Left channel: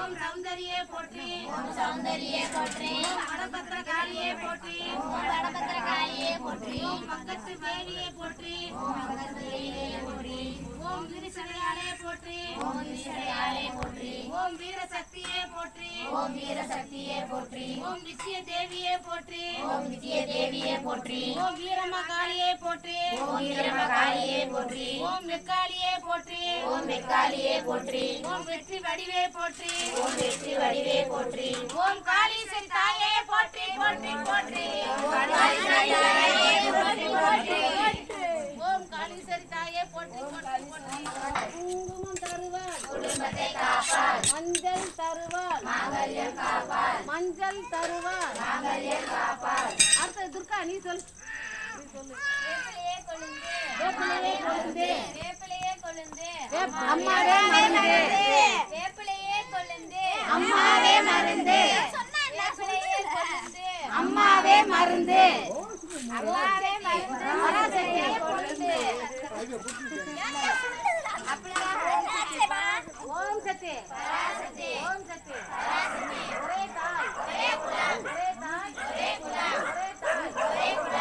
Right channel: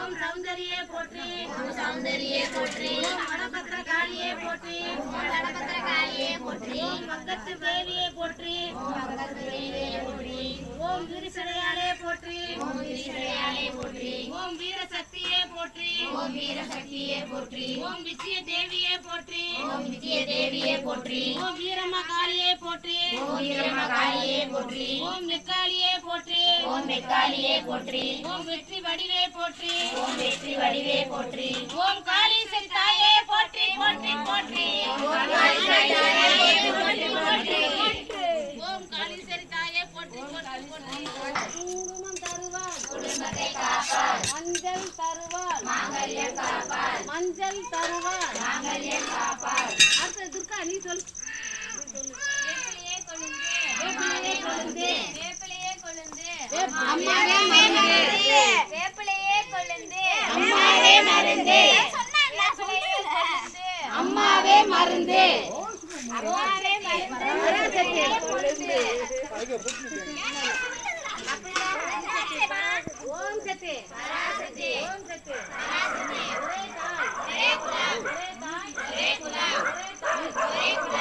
ஓம் சௌந்தரியே போற்றி ஓம் சௌந்தரியே போற்றி ஓம் வடபத்திர காளியே போற்றி ஓம் வடபத்திர காளியே போற்றி ஓம் பங்கத்து தேவியே போற்றி ஓம் பங்கத்து தேவியே போற்றி ஓம் வீரசடையாளே போற்றி ஓம் வீரசடையாளே போற்றி ஓம் வீரசக்தியே போற்றி ஓம் வீரசக்தியே போற்றி ஓம் விஜய தேவியே போற்றி ஓம் விஜய தேவியே போற்றி ஓம் வீரம்மா காளியே போற்றி ஓம் வீரம்மா காளியே போற்றி ஓம் வெக்காளியே போற்றி ஓம் வெக்காளியே போற்றி ஓம் வெற்றி வடிவே போற்றி ஓம் வெற்றி வடிவே போற்றி ஓம் காளீஸ்வரி தாயே போற்றி போற்றி போற்றி ஓம் காளீஸ்வரி தாயே போற்றி போற்றி ஓம் காளீஸ்வரி தாயே போற்றி போற்றி குங்குமம் தருவாள் குடும்பத்தை காப்பாள் மஞ்சள் தருவாள் மாங்கல்யம் காப்பாள் மஞ்சள் தருவாள் மாங்கல்யம் காப்பாள் அடுத்து துர்கா நீ சொல்லு வேப்பிலையே கொழுந்து வேப்பிலையே கொழுந்து வேப்பிலையே கொழுந்து அம்மாவே மருந்து வேப்பிலையே கொழுந்து அம்மாவே மருந்து வேப்பிலையே கொழுந்து அம்மாவே மருந்து அம்மாவே மருந்து பராசக்தி கொழுந்து ஓம் சக்தி பராசக்தி ஓம் சக்தி பராசக்தி ஒரே தாய் ஒரே குலம் ஒரே தாய் ஒரே குலம் ஒரே தாய் ஒரே குலம்